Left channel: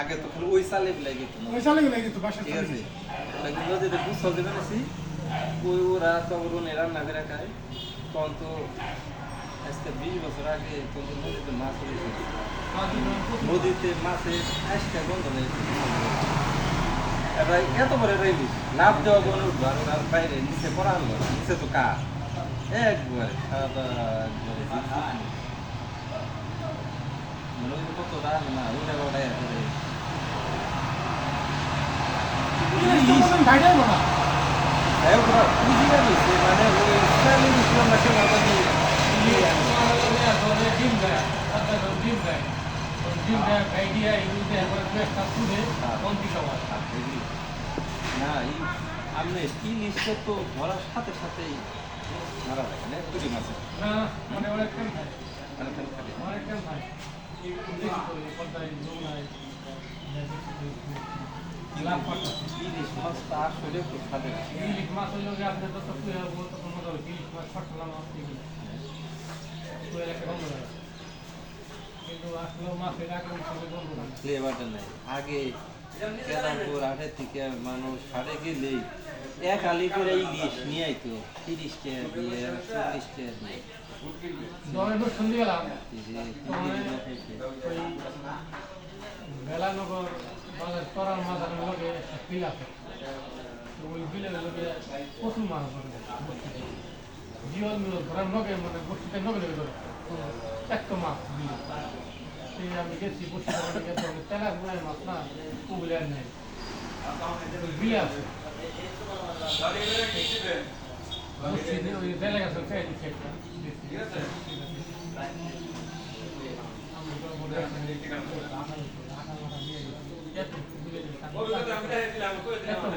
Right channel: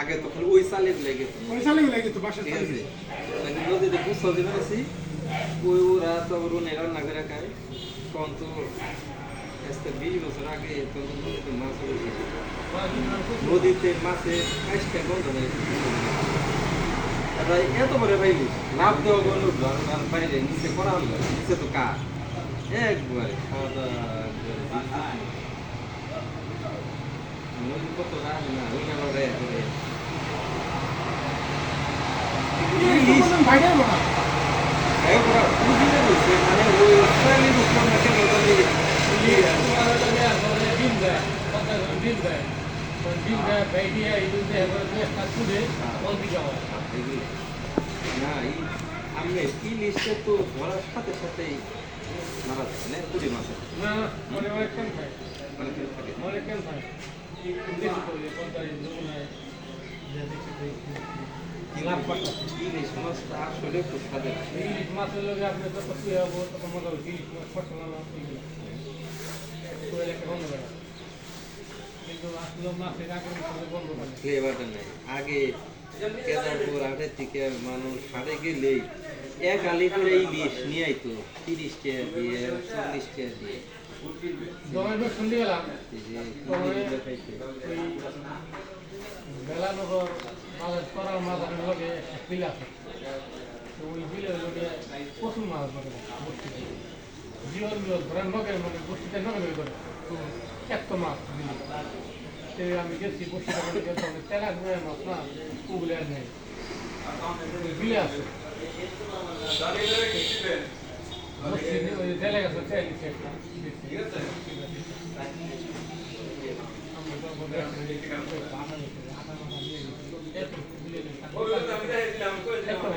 আগে তো খালি ওই চালে লেগে যেত ওই চালে গেলে কিন্তু বাসার ঠিক আছে। নাকি নদীতে গুছল দিবে নাছি ওই ওরা তো রুনে রান্না করে খায়। তখন তো আজকে বিশ বছর আগে তখন নদীতে মাছ হয়েছে নদীতে মাছে আসতে বন্ধ হয়ে গেছে এবার এত বড় রাইলি লাভ দেওয়া কোনো উঠল আর আর বাইরে নিচে পড়া হলো। নিচে তো কা একবারে খাওয়া দাওয়া একবারে কত রাখে না পাল্টা এ করে ভাইরাল মনে একবার বুঝি না না না এই আমি ইলিশটা তো ধরার সাথে সাথেই মারা যায় না পুরি থাকে মাছ তখন মনে হয় ইলিশ মাছ ফসল না কিন্তু ফ্লেভারটা নেই। আগে কেদারপুর আগে থেকে মানুষ হারে গেলেই এক আলি করে ইলিশ নিয়ে আইতো তিরিশ টাকা দিয়ে চল্লিশ টাকা দিয়ে। দমে বেলানগর বাজার করার আমি লগে একটা বিল আছে। ওই বিলের লগে প্রচুর মাছ ধরে। জিওল মিওল ধরার নগে মানে বস্তিতে নগে নগে ধরে এত মাছ বিলে। সে আমি গেছি বস্তিতে মানে গেছি তেলার নয় মাছ না ওগুলো আর নেই। বিলে আছে। জেলে গেছে খেয়ে নিচ্ছে একটু দেখছি। আর পরে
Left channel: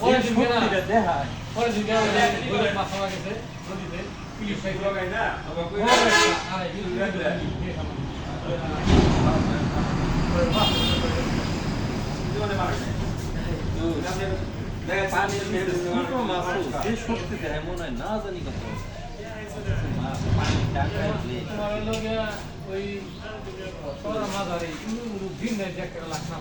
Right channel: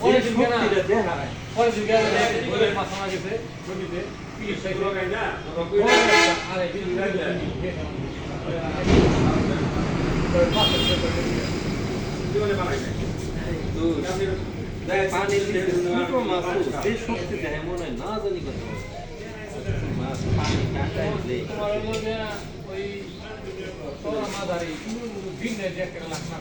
যে। শক্তিটা দেখায় পরে দিকে দুধের মাছ আমার গেছে নদীতে মনে হয় না জানি কত ওই যে একটা লাখ না